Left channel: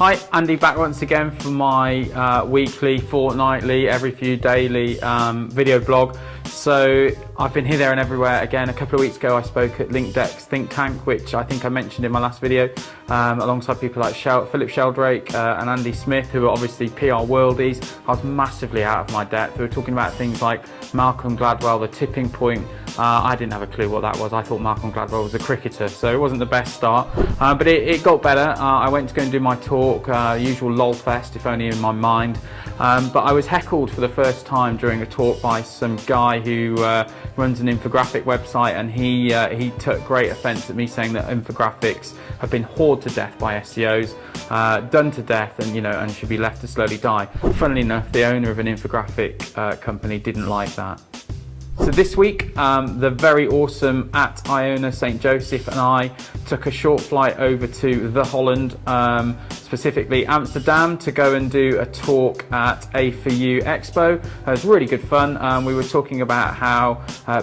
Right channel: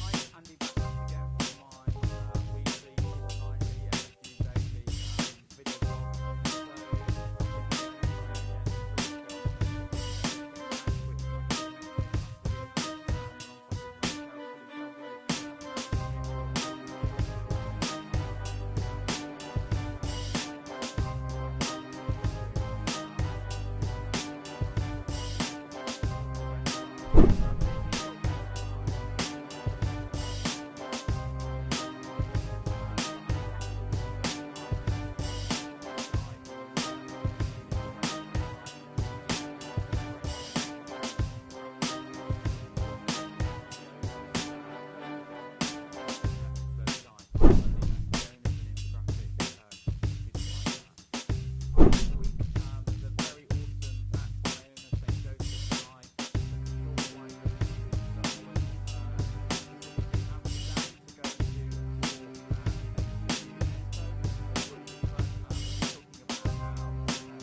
Hi, Andy back once again for my weekly, fortnightly, every few daily video blog. So I've been here, there and everywhere again. A couple of weeks ago I spoke at LinkDex think tank, which I think I mentioned in my last video, alongside people like Philip Sheldrake and Andy Smith, who are obviously PR worldies. I was massively out of my depth. We were talking about things like Malcolm Gladwell, the tipping point. I didn't have a clue what that was. I thought Malcolm Gladwell was a cricketer, so it wasn't the best start, but it got better. I went to go and do my talk, usual lol fest, if only in my mind, but I was heckled for the first time during a talk by some guy who runs an infographic website, and he took great offence at me saying that infographics have been whored to death by SEOs, done to death, and should be left to slowly die. Funnily enough, the owner of an infographic company didn't like that. So this week, the very awesome at Iona St Joseph and I took a short flight over to the Holland, specifically Amsterdam, to go and do a talk at A4UExpo. It was really good fun. We were talking about how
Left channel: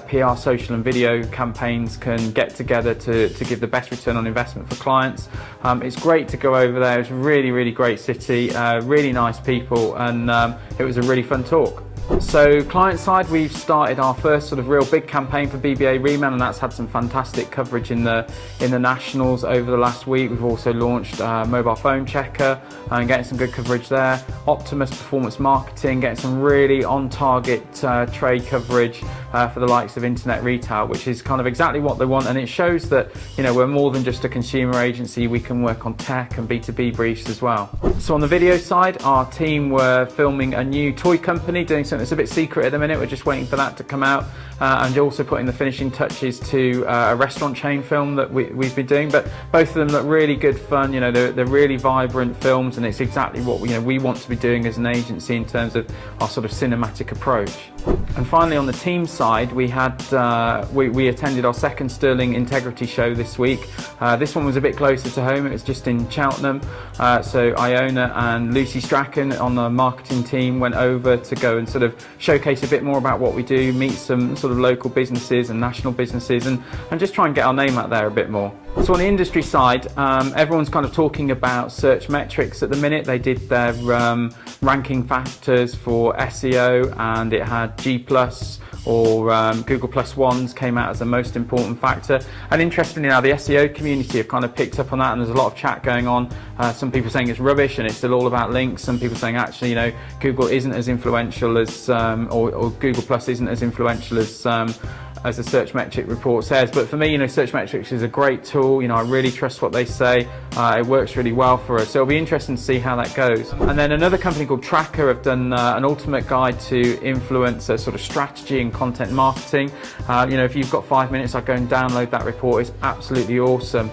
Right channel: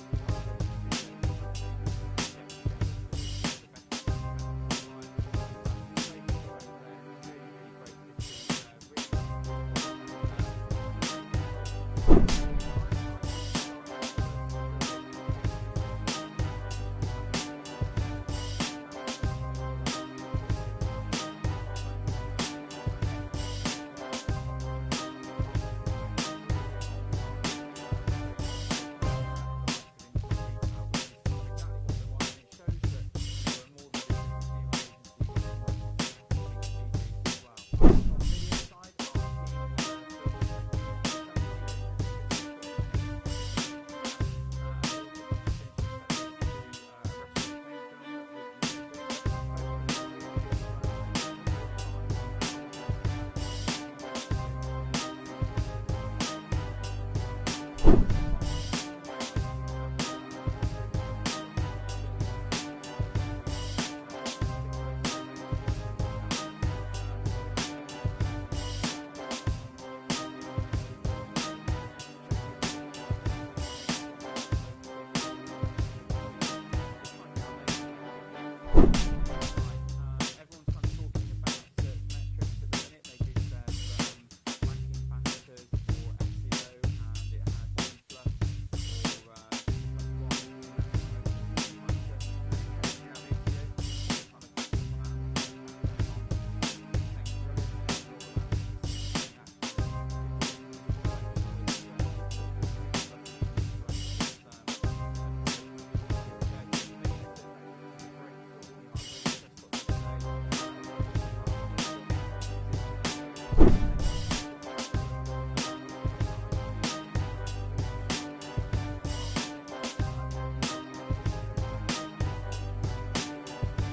PR, social and video campaigns can get together to give the best return on investment for clients. It's great to go over there. It's a really, really great city, really nice people, and it was a really fun talk. So client side, we've started our first sort of real big campaign for BBA-Reman, and that's had some fantastic coverage in the nationals over the last week. We've also launched mobile phone checker and getting some good coverage there. Optimus performance marketing, getting some really on target trade coverage for the likes of internet retail, which is kind of exactly what they want, and it shows that we're more than just a consumer agency. We can work on tech and B2B briefs as well. So on the video side, our team were filming a new toy company, doing something that's a bit secret at the minute. We're just waiting for that to come out, and also putting the finishing touches to a restaurant chain film that we've been doing. But both of them look really good fun. They're really vibrant films, and it's exactly what we want to be doing as an agency in terms of our sort of cinematic approach. And finally, on the team side, we had we attended our second Sterling Integrity show this week. This one was a bit closer to home. It was just in Cheltenham. So Iona and Lucy Strachan on the marketing team went over to go and sort of showcase a bit more about what we do, meet some sort of local businesses and national businesses, and just try and get our name out there a bit more. So on the industry side, everyone's kind of talking about SearchMetrics at the minute. They did their ranking factors for SEO, and it had G+, or Google Plus ones came out as the most important factor. And interestingly now, the SEO community have kind of picked up on that, and there's a lot of chat going on. Some people saying it's rubbish and it's still all about links. Some people saying actually, Google isn't as influential as, or Google Plus isn't as influential as the SearchMetrics report says. But for me, SearchMetrics is a great tool. I really trust what they say. It works really well for us. So it'll be interesting to see how that goes. And then another company called Traackr have done an ultimate guide to influencer sort of strategy and content marketing. If you've got 5 minutes, I'd go and download that report. It's absolutely awesome.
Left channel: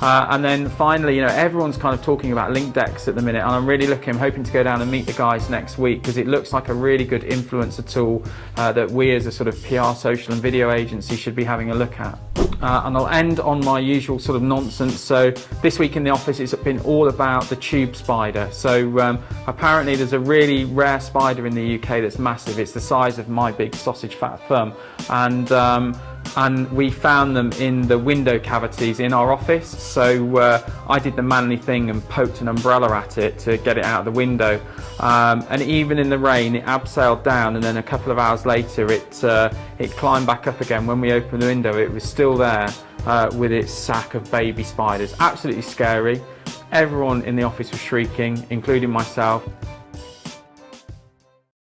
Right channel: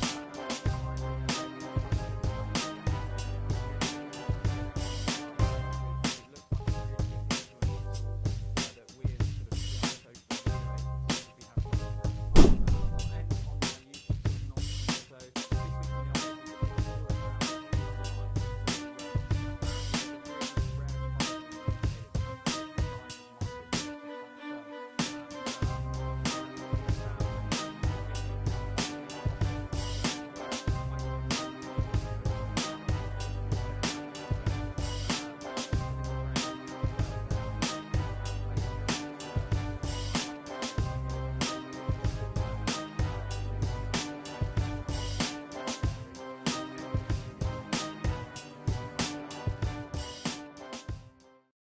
And then finally, everyone's kind of talking about LinkDex at the minute, and I'm hoping to go down and meet the guys next week, because it looks like a really good influencer tool that we as a sort of PR, social and video agency should be having a look at. And I'll end on my usual sort of nonsense. So this week in the office, it's been all about the tube spider. So apparently there's a really rare spider in the UK that's massive. It's the size of my big sausage fat thumb, and we found them in the window cavities in our office. So I did the manly thing and poked an umbrella at it to get it out of the window, and even in the rain it abseiled down, and then a couple of hours later it climbed back up again. When we opened the window, it was still there with its sack of baby spiders. Absolutely scary. Everyone in the office was shrieking, including myself.